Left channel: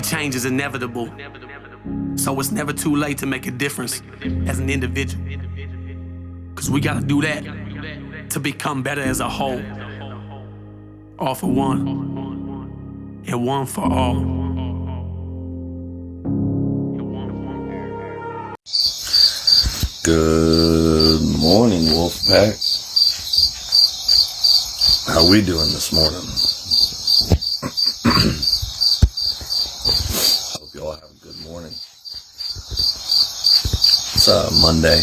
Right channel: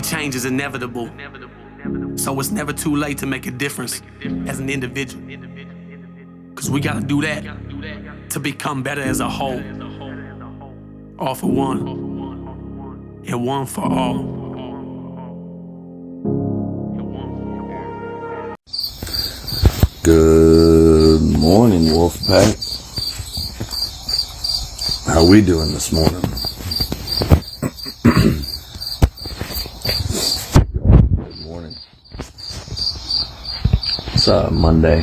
believe change is inevitable. So it's never too late to make a difference as an individual. Cause we gotta do that to become better as a whole. All for one, and one for all. Good morning, Wolfpack. How we doing this morning? Y'all have a good morning. It's Monday,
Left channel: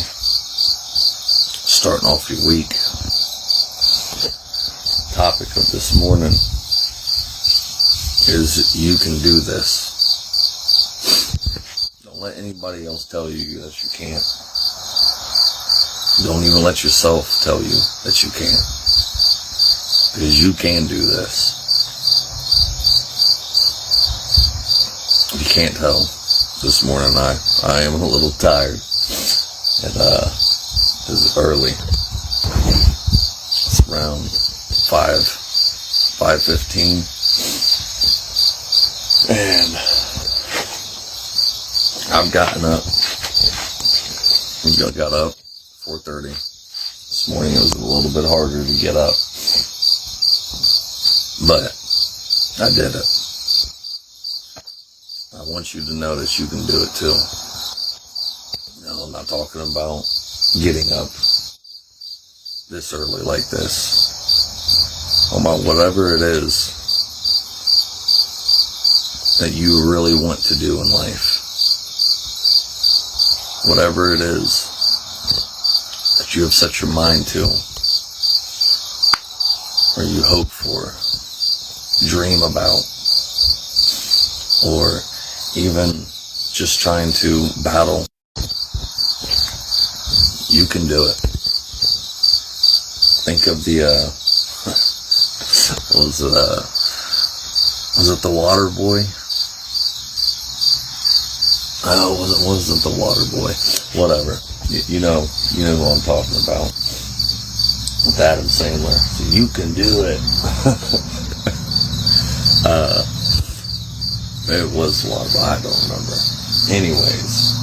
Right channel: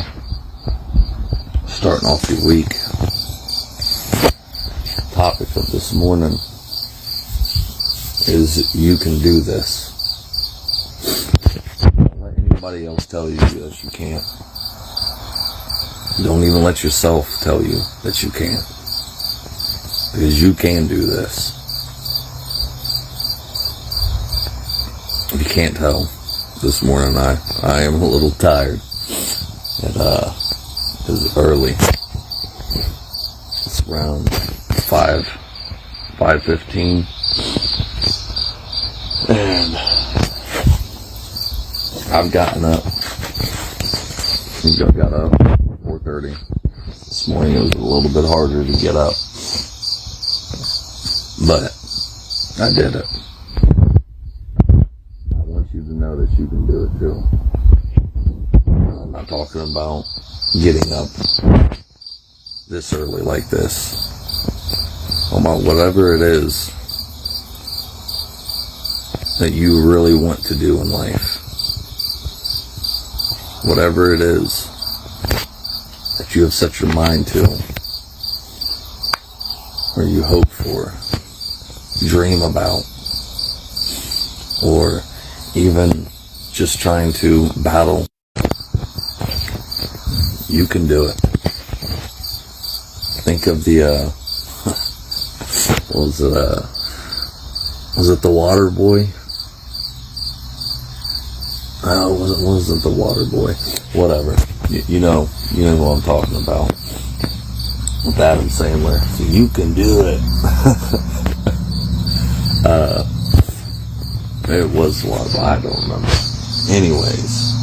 starting off your week. Topic of this morning is you can do this. Don't let anybody else tell you that you can't. Don't even let yourself tell you that you can't. Because you can do this. If you can't tell, this morning I am a little tired. It is early. It's around 5:15. And I've gotten up. I got up 4:30. This morning it was a little bit harder to get up. But I did it. I want you to know that you can do it too. No, I'm not talking about getting up this early like this. About whatever it is that you really want to do in life. Whatever it is that you have set your mind to, or you hope for, dream about, or even just trying to battle, you can do it. Think of the, was it the water boy? Oh, it wasn't the water boy. Whatever. You know what I'm talking about. With Adam Sandler. So you can do it. It was water boy. I don't remember. Anyways.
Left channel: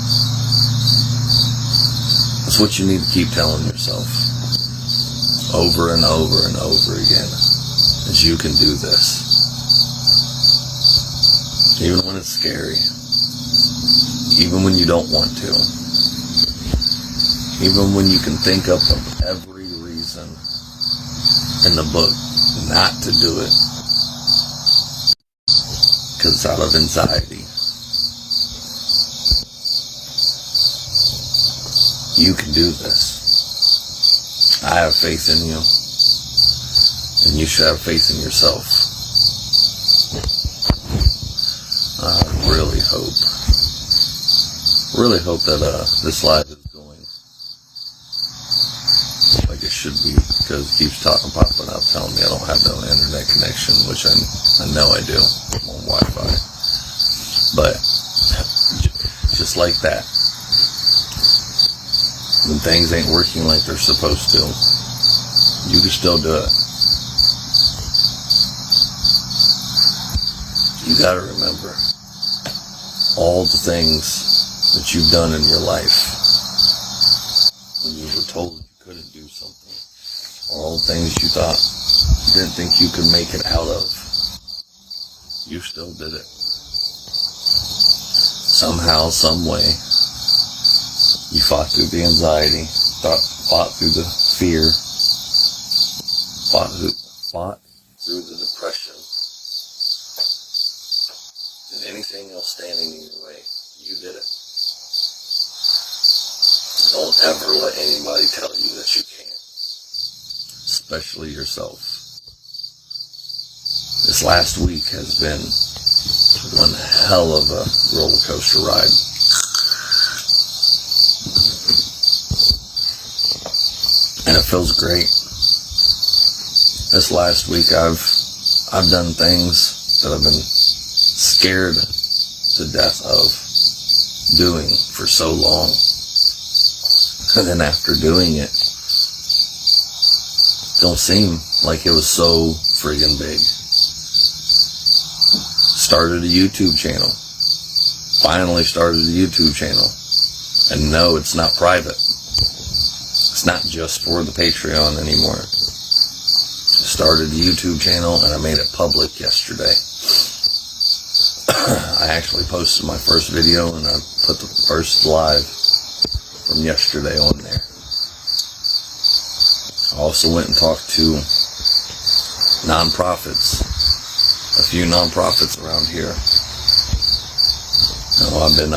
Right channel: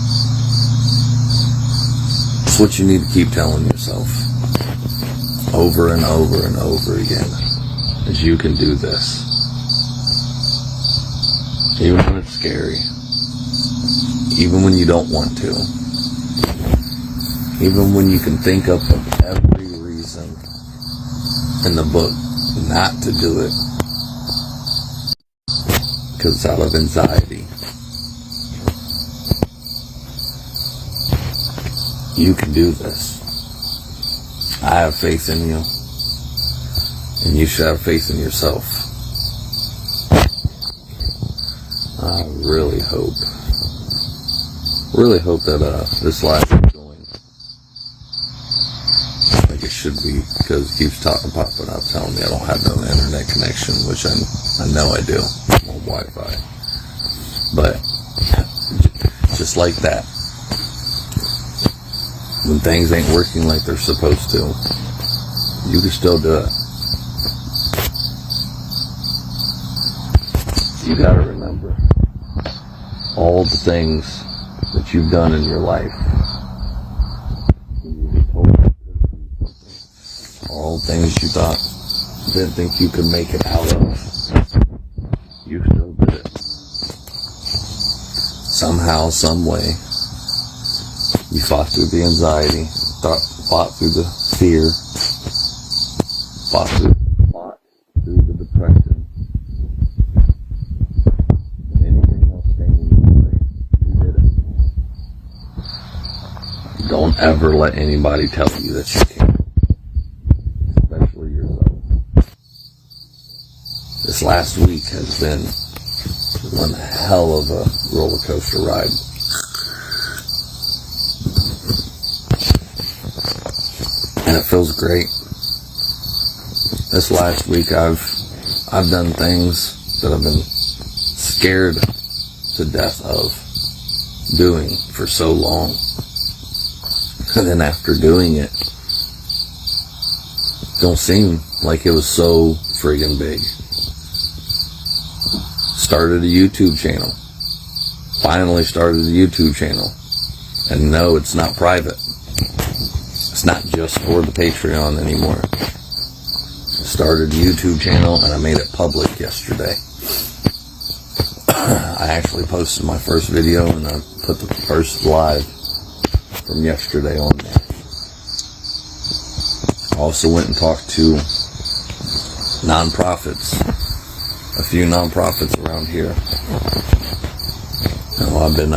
It's what you need to keep telling yourself. Over and over and over again. Is you can do this. Even when it's scary. Even when you don't want to. Even when you can think up of every reason in the book not to do it. Because it's out of anxiety. You can do this. I have faith in you. And you should have faith in yourself. I really hope that this live is going like it should be, because it keeps popping up telling me I don't have no internet connection, which I know I do. I'm on Wi-Fi. But just like that, when things ain't working like they're supposed to, you can still do it. You gotta remember all the things that you've done in your life when you were told you couldn't do something, all the things you didn't think you could make it out of, you still did it. Somehow, some way, you fought through the anxiety, fought through the fear, fought through the depression. Don't ever let anybody tell you that you can't, especially yourself. This last week has been one hell of a roller coaster ride. And it feels great. This last week I've done things that I've been scared to death of doing for so long. And then after doing it, don't seem like it was so friggin' big. Started a YouTube channel. Finally started a YouTube channel. And no, it's not private. It's not just for the Patreon anymore. I started a YouTube channel and I made it public yesterday. I actually posted my first video and I put the first live from yesterday on there. I also went and talked to nonprofits, a few nonprofits around here. I've been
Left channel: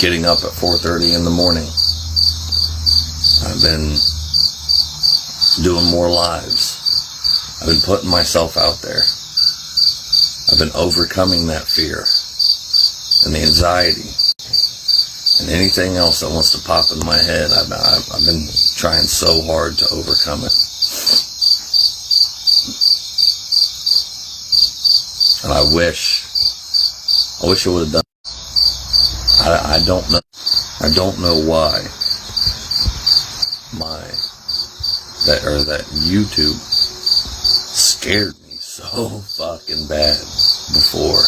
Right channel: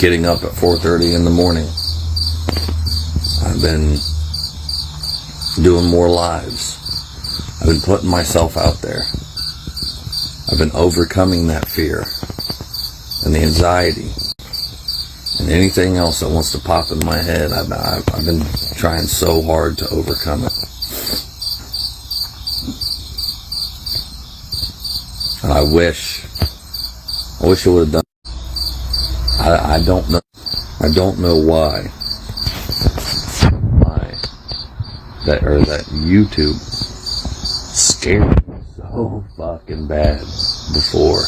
getting up at 4:30 in the morning. I've been doing more lives. I've been putting myself out there. I've been overcoming that fear and the anxiety and anything else that wants to pop in my head. I've been trying so hard to overcome it. And I wish I would have done. I don't know. I don't know why that YouTube scared me so fucking bad before.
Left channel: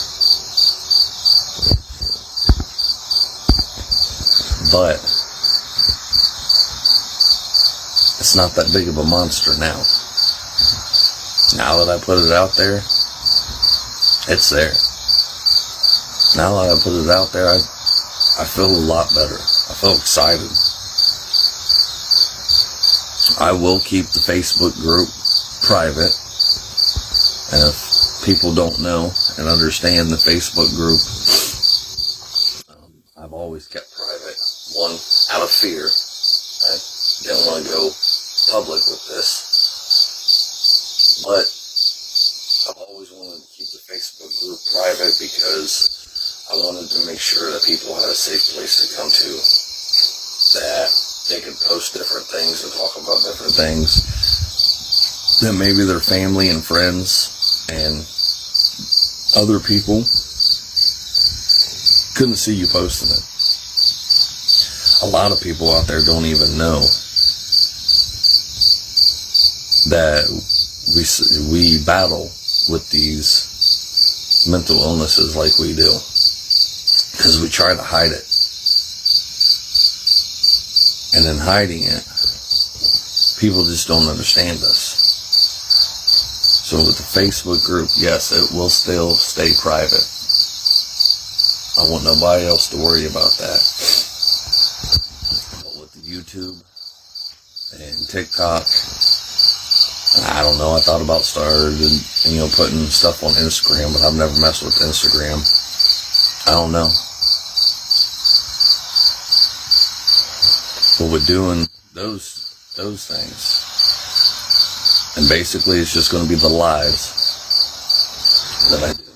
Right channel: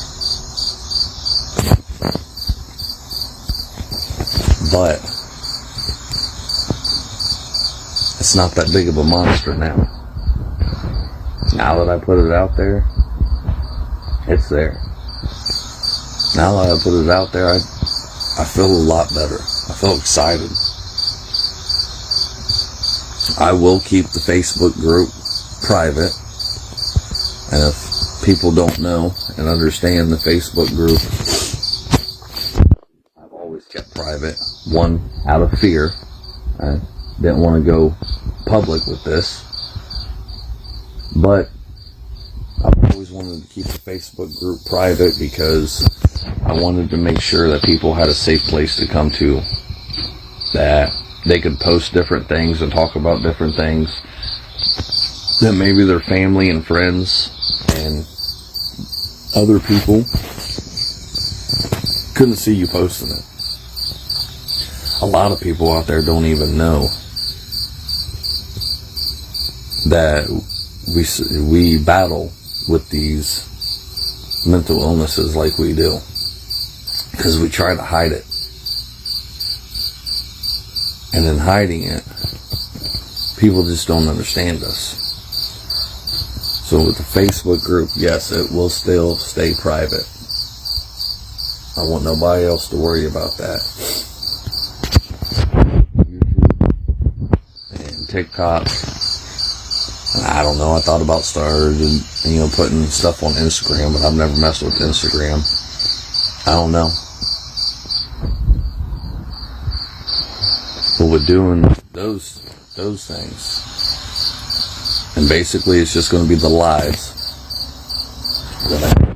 But it's not that big of a monster now. Now that I put it out there, it's there. Now that I put it out there, I feel a lot better. I feel excited. I will keep the Facebook group private. And if people don't know and understand the Facebook group, I've always kept private. One, out of fear. I didn't want to go public with this. But I've always wanted to keep the Facebook group private because I wanted to make sure that people had a safe place to come to, that they could post different things and talk about different things, that maybe their family and friends and other people couldn't see you posting it. A lot of people out there don't even know that we battle with these mental illnesses like we do, because we try to hide it. And in hiding it, people just don't understand us. So with the Facebook group, yes, it will still stay private. I want nobody else to worry about that. With YouTube and TikTok, I don't know, I thought about starting, putting stuff on Instagram, but I've never messed with Instagram. I don't know. But with doing those things, and basically it's just going to be the lives that I do.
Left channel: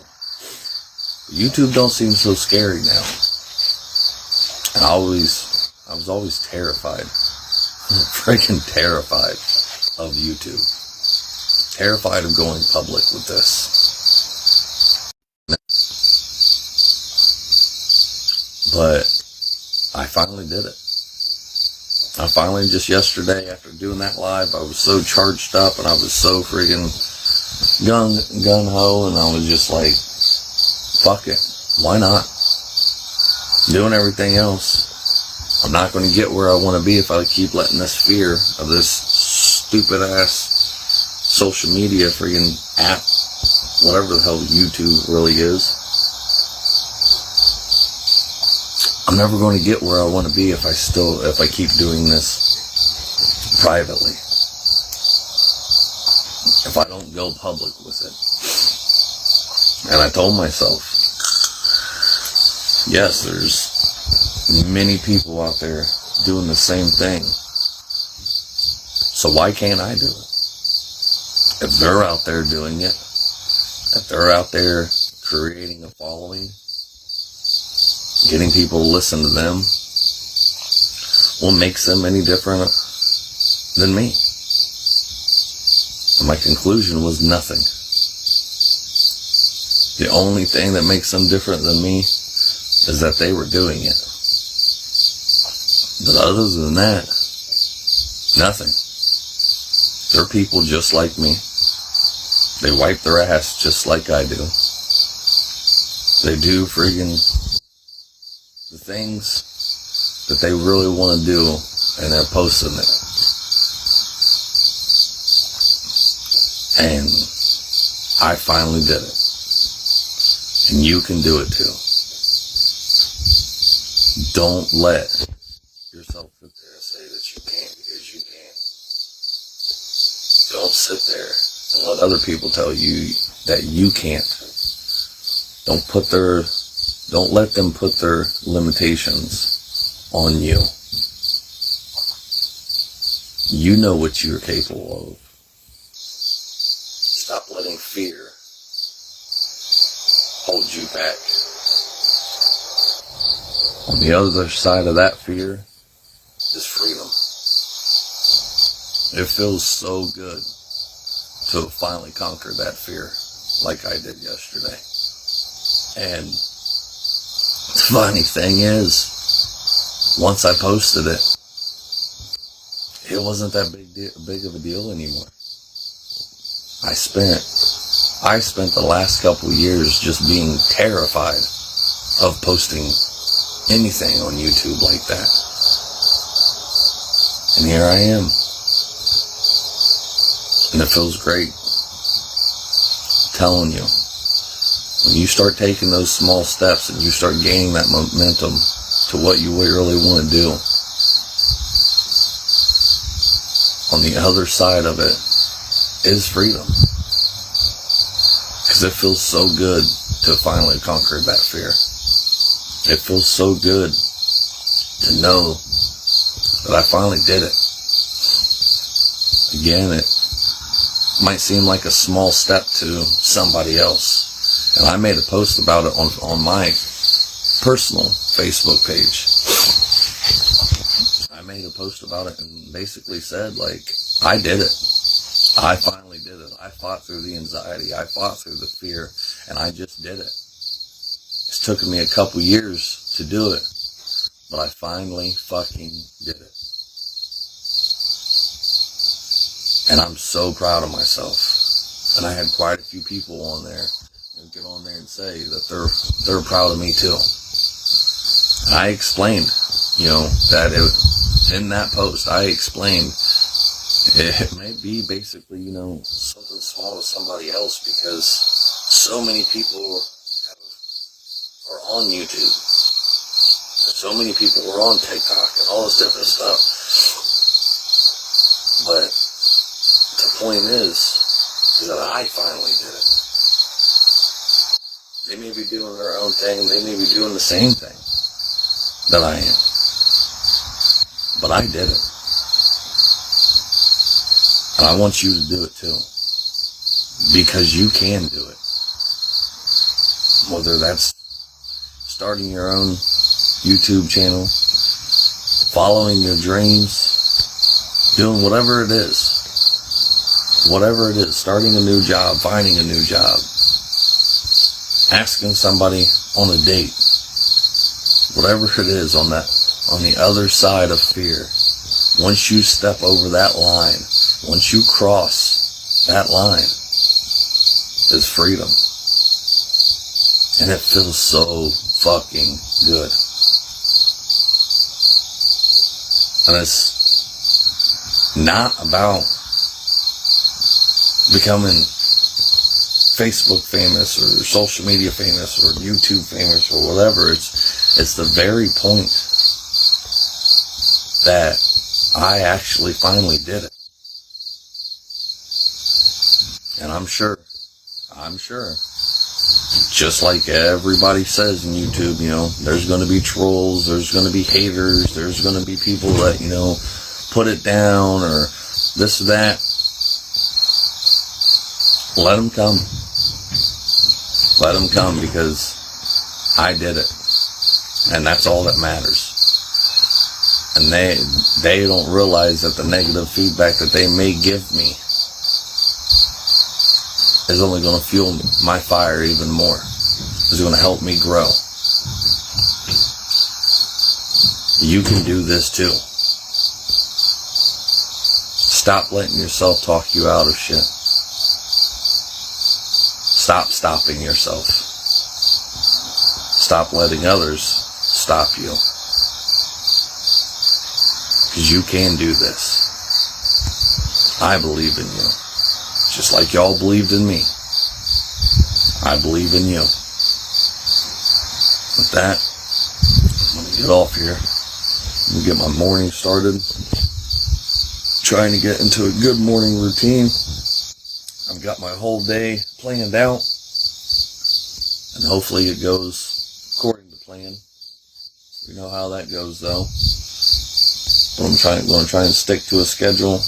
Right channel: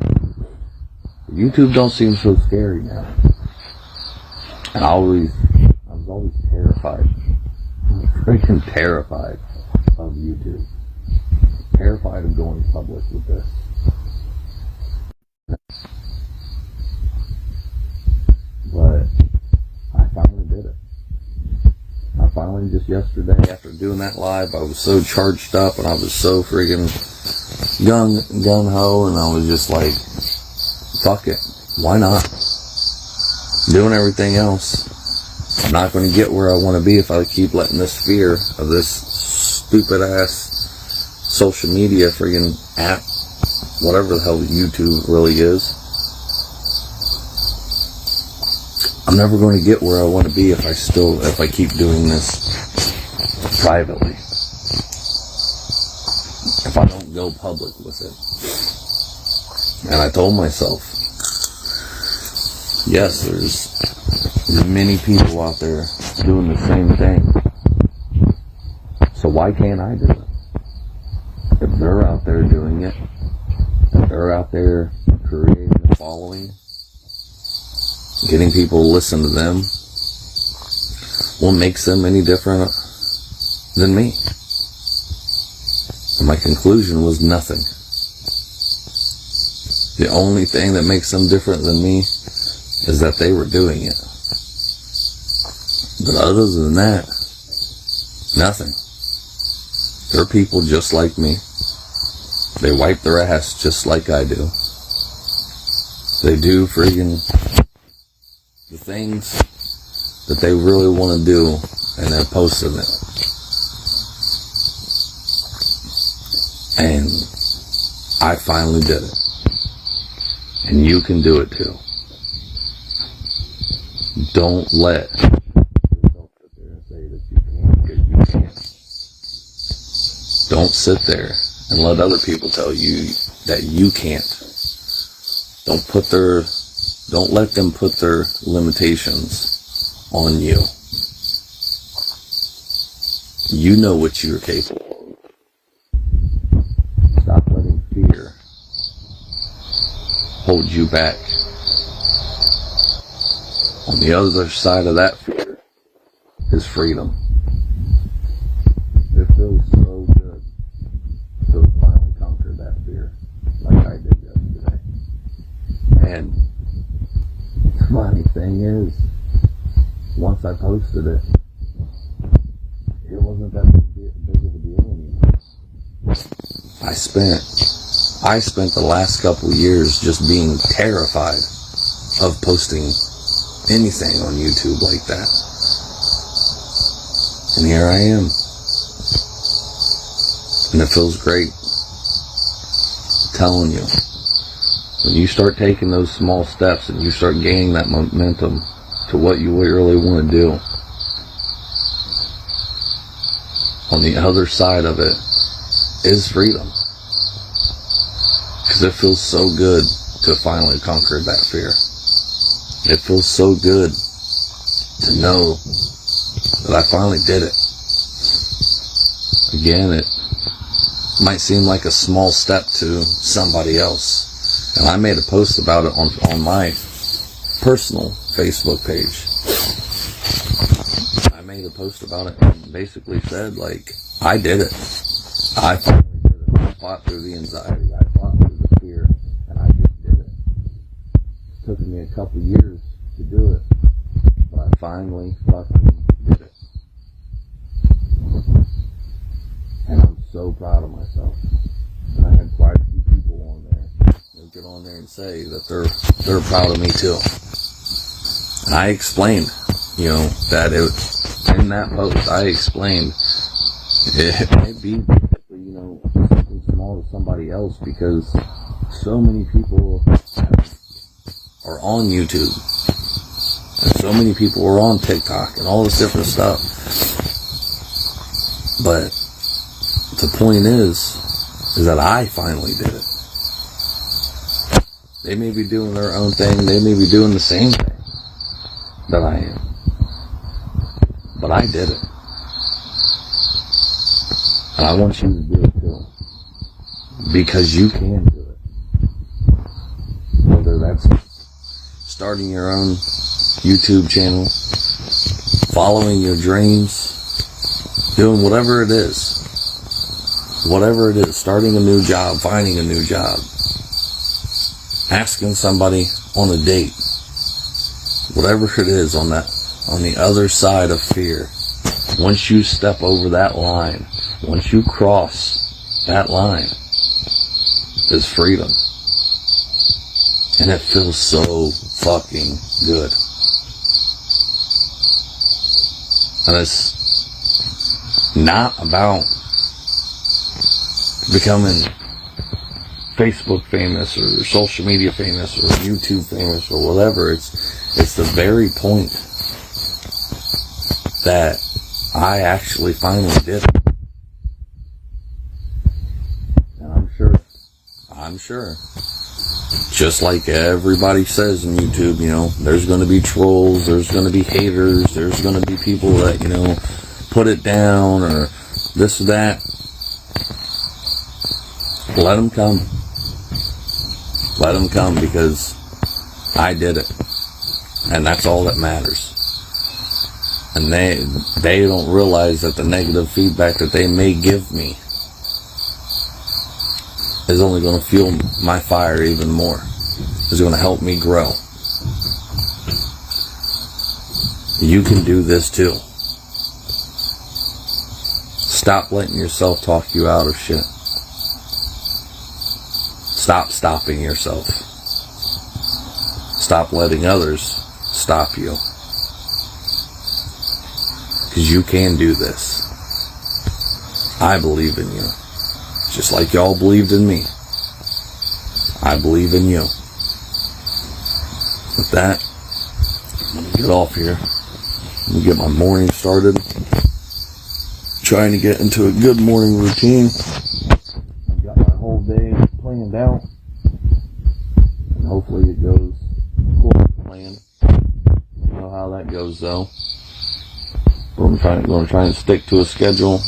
YouTube don't seem so scary now. And I was always terrified. Freaking terrified of YouTube. Terrified of going public with this. But I finally did it. I finally, just yesterday, after doing that live, I was so charged up and I was so friggin' gung-ho, and I was just like, fuck it. Why not? Doing everything else. I'm not going to get where I want to be if I keep letting this fear of this stupid ass social media friggin' app, whatever the hell YouTube really is. I'm never going to get where I want to be if I keep doing this privately. If I don't go public with it. And I told myself, yes, there's many people out there doing the same thing. So why can't I do it? If they're out there doing it, if they're out there creating a following, getting people to listen to them, what makes them any different than me? And my conclusion was nothing. The only thing that makes them different than me is that they were doing it. But other than that, nothing. They're people just like me. They wipe their ass just like I do. They do friggin' the things that they really want to do, and they're posting it. And I finally did it. And you can do it too. Don't let yourself sit there and say that you can't, because you can't. Don't sit there and let other people tell you that you can't. Don't let them put their limitations on you. You know what you're capable of. Stop letting fear hold you back. On the other side of that fear is freedom. It feels so good to have finally conquered that fear like I did yesterday. And the funny thing is, once I posted it, it wasn't that big of a deal anymore. I spent the last couple of years just being terrified of posting anything on YouTube like that. And here I am. And it feels great. I'm telling you, when you start taking those small steps and you start gaining that momentum to what you really want to do, on the other side of it is freedom. Because it feels so good to finally conquer that fear. It feels so good to know that I finally did it. Again, it might seem like a small step to somebody else. And I made a post about it on my personal Facebook page. I made a post about it and basically said, like, I did it. I finally did it. I fought through the anxiety. I fought through the fear. And I just did it. It's taken me a couple years to do it. But I finally fucking did it. And I'm so proud of myself. And I had quite a few people on there get on there and say that they're proud of me too. And I explained, that in that post, I explained it might be basically, something small to somebody else, because so many people are on YouTube. And so many people are on TikTok and all this different stuff. But the point is that I finally did it. They may be doing their own thing. They may be doing the same thing that I am. But I did it. And I want you to do it too. Because you can do it. Whether that's starting your own YouTube channel, following your dreams, doing whatever it is. Whatever it is, starting a new job, finding a new job, asking somebody on a date, whatever it is on the other side of fear. Once you step over that line, once you cross that line, is freedom. And it feels so fucking good. And it's not about becoming Facebook famous or social media famous or YouTube famous or whatever. It's the very point that I actually finally did it. And I'm sure, just like everybody says in YouTube, there's going to be trolls, there's going to be haters, there's going to be people that, put it down or this or that. Let them come. Let them come, because I did it. And that's all that matters. And they don't realize that the negative feedback that they may give me is only going to fuel my fire even more. It's going to help me grow. You can do this too. Stop letting yourself talk you out of shit. Stop stopping yourself. stop letting others stop you. Because you can do this. I believe in you. Just like y'all believed in me. I believe in you. With that, I'm going to get off here. I'm going to get my morning started. Trying to get into a good morning routine. I've got my whole day planned out. And hopefully it goes according to plan. You know how that goes though. But I'm going to try and stick to a schedule.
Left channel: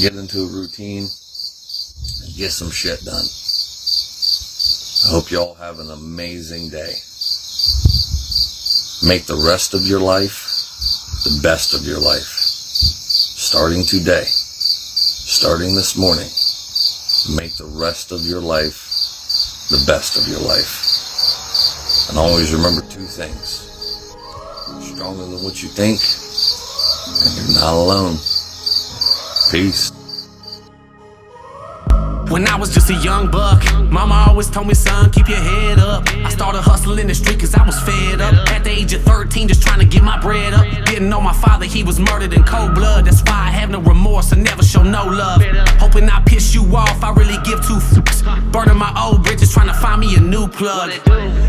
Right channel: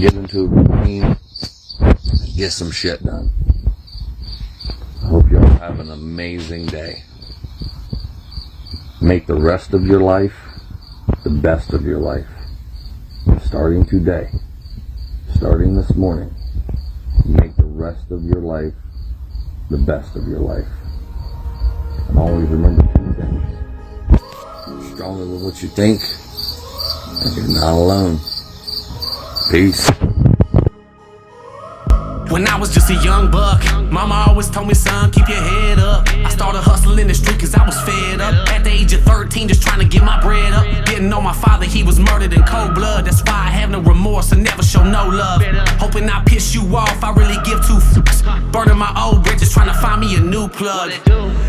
Get into a routine. And get some shit done. I hope y'all have an amazing day. Make the rest of your life the best of your life. Starting today, starting this morning, make the rest of your life the best of your life. And always remember two things. You're stronger than what you think, and you're not alone. Peace. When I was just a young buck, mama always told me, son, keep your head up. I started hustling the street cause I was fed up. At the age of 13, just trying to get my bread up. Didn't know my father, he was murdered in cold blood. That's why I have no remorse and never show no love. Hoping I piss you off, I really give two fucks. Burning my old bridges, trying to find me a new plug.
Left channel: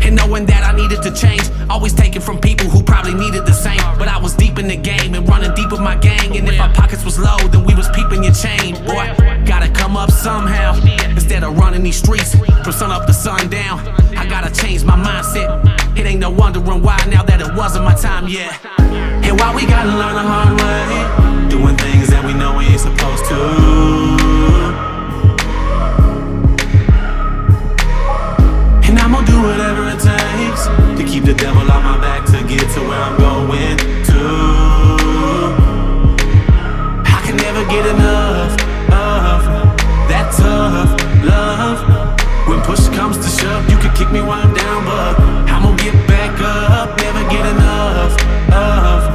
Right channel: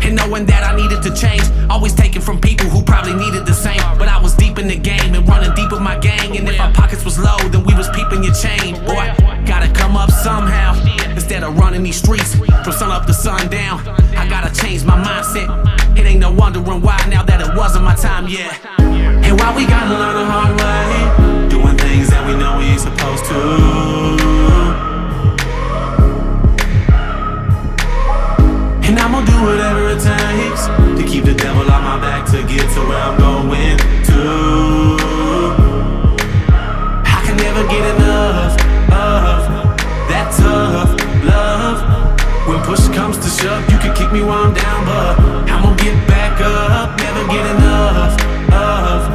And knowing that I needed to change, always taking from people who probably needed the same. But I was deep in the game and running deep with my gang. And if our pockets was low, then we was peeping your chain. Boy, gotta come up somehow. Instead of running these streets from sun up to sundown, I gotta change my mindset. It ain't no wondering why now that it wasn't my time yet. And why we gotta learn the hard way, doing things that we know we ain't supposed to. And I'm gonna do whatever it takes to keep the devil on my back to get to where I'm going to. I can never get enough of that tough love. When push comes to shove, you can kick me while I'm down, but I'm gonna get back up. Never get enough of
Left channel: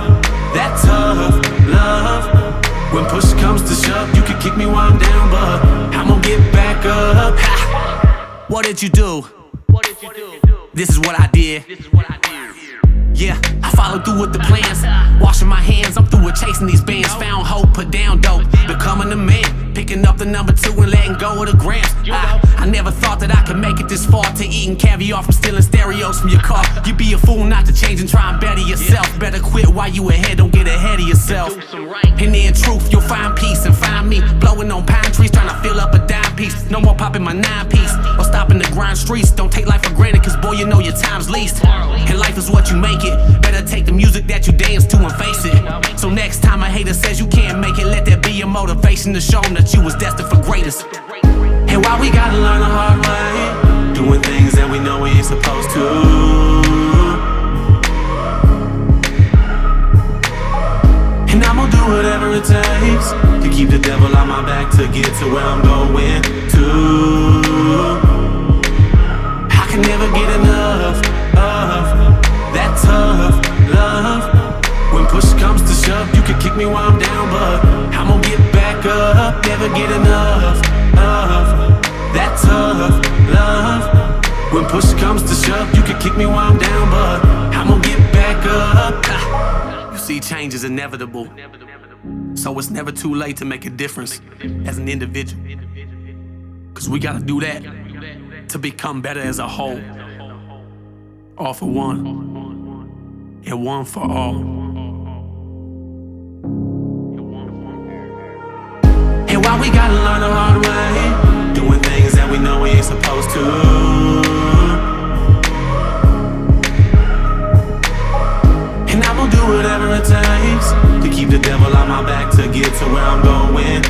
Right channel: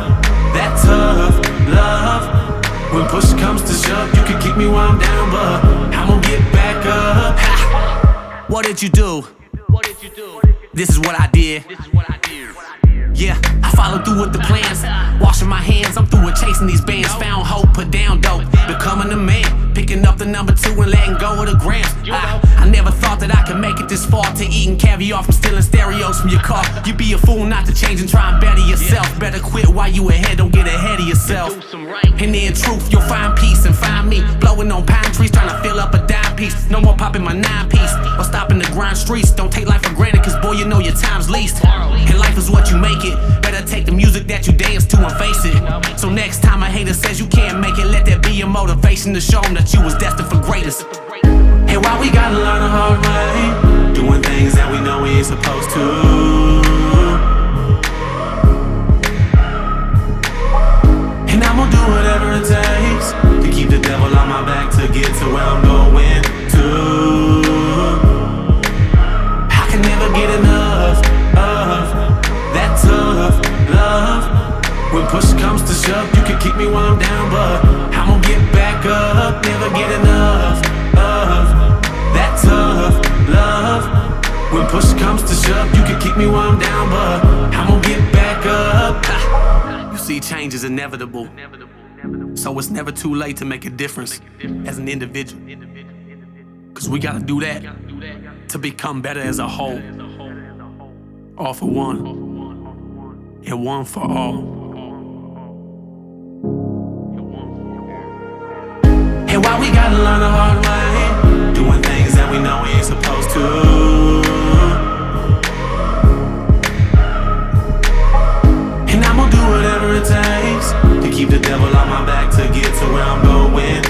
that tough love. When push comes to shove, you can kick me while I'm down, but I'm gonna get back up. Ha! What did you do? This is what I did. Yeah, I followed through with the plans. Washing my hands, I'm through with chasing these bands. Found hope, put down dope, becoming a man. Picking up the number 2 and letting go of the grams. I never thought that I could make it this far, to eating caviar from stealing stereos from your car. You'd be a fool not to change and try and better yourself. Better quit while you ahead, don't get ahead of yourself. And in truth, you'll find peace and find me blowing on pine trees, trying to fill up a dime piece. No more popping my 9-piece or stopping the grind streets. Don't take life for granted, cause boy, you know your time's least. And life is what you make it. Better take the music that you dance to and face it. So next time a hater says you can't make it, let that be your motivation to show them that you was destined for greatness. And why we gotta learn the hard way, doing things that we know we ain't supposed to. And I'm gonna do whatever it takes to keep the devil on my back to get to where I'm going to. I can never get enough of that tough love. When push comes to shove, you can kick me while I'm down, but I'm gonna get back up. Never get enough of that tough love. When push comes to shove, you can kick me while I'm down, but I'm gonna get back up. You see, change is inevitable, so it's never too late to make a difference as an individual. Cause we gotta do that to become better as a whole. All for one, and one for all. And why we gotta learn the hard way, doing things that we know we ain't supposed to. And I'm gonna do whatever it takes to keep the devil on my back to get to where I'm going